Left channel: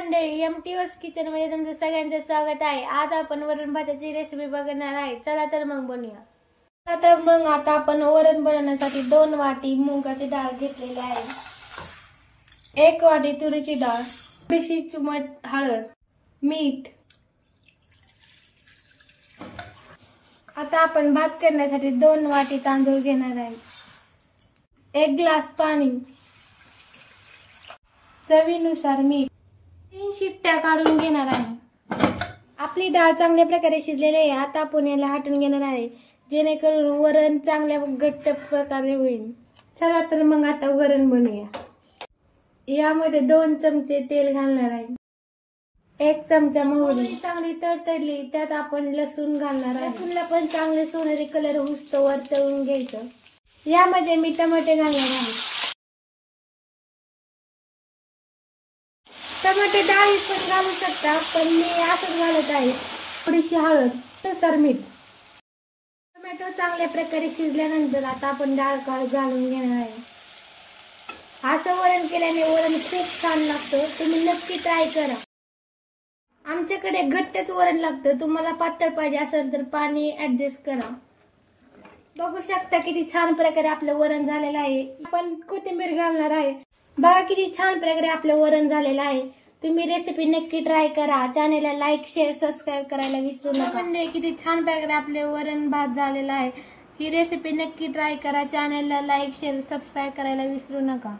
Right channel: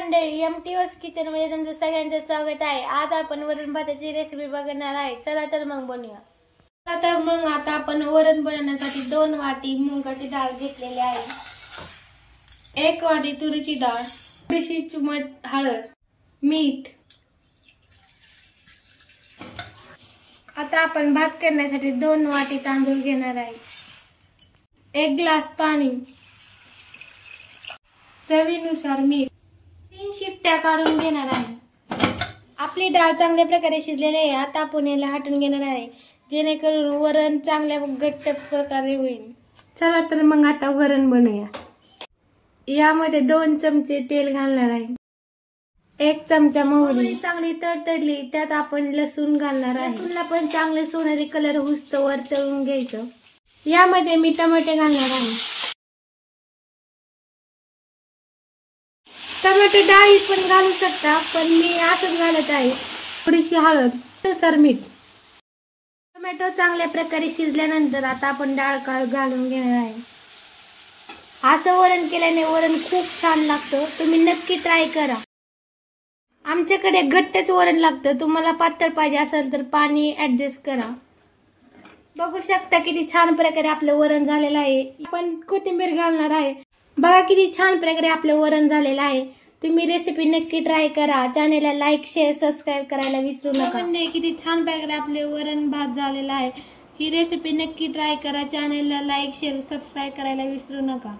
मंडळी, MTOS kitchen मध्ये तुमचं सगळ्यांचं स्वागत आहे। आज आपण वरण भाताची रेसिपी बघणार आहे। चला तर मग बनवूया। चला तर मग आता आपण वरण बनवण्यासाठी 2 वाटी मुगाची डाळ घेतलेली आहे, 1 वाटी तुरीची डाळ, थोडीशी चिमूट हळद, मीठ। आता आपण भात करण्यासाठी 2 वाटी तांदूळ घेणार आहे, 1 ग्लास पाणी, चवीनुसार मीठ, 3 शिट्ट्या काढून घेणार आहे। आपली डाळ चांगल्या प्रकारे शिजलेली आहे। आता आपण याला हटवून घेणार आहे, जेणेकरून वरण चांगल्या घट्ट प्रकारे होईल। चला तर मग आता वरण बनवूया। यामध्ये 2 चमचे तेल घालणार आहे, 1 चमचा मोहरी चांगली तडतडली त्यात आपण लसूण घालणार आहे। लसूणला पण चांगले सोनेरी कलर होईस्तोवर तळून घ्यायचं। यामध्ये मी टमाटे घालणार आहे, टमाटे डाळी पण घालू शकता, पण मी असंच घालत आहे। थोडीशी हळद, नुसार मीठ। टोमॅटो चांगल्या प्रकारे शिजल्यानंतर आता आपण डाळ घालून घेणार आहे। असं वरण केल्याने वरण खूप छान लागतं, तुम्ही नक्की ट्राय करा। आमच्याकडे घट्टच वरण लागतं, तुम्हाला पातळ पाहिजे असेल तर पाणी ऍडजस्ट करा। बघू शकता किती छान प्रकारे आपलं वरण झालेलं आहे। आपण कोथिंबीर घालणार आहे। बघा किती छान प्रकारे आपलं वरण झालेलं आहे। तुम्ही रेसिपी नक्की ट्राय करा। चॅनलला लाईक, शेअर, सबस्क्राइब करायला विसरू नका। किती छान प्रकारे आपले वरण भात झालेला आहे। ही रेसिपी नक्की ट्राय करा। चॅनलला लाईक, शेअर, सबस्क्राइब करायला विसरू नका।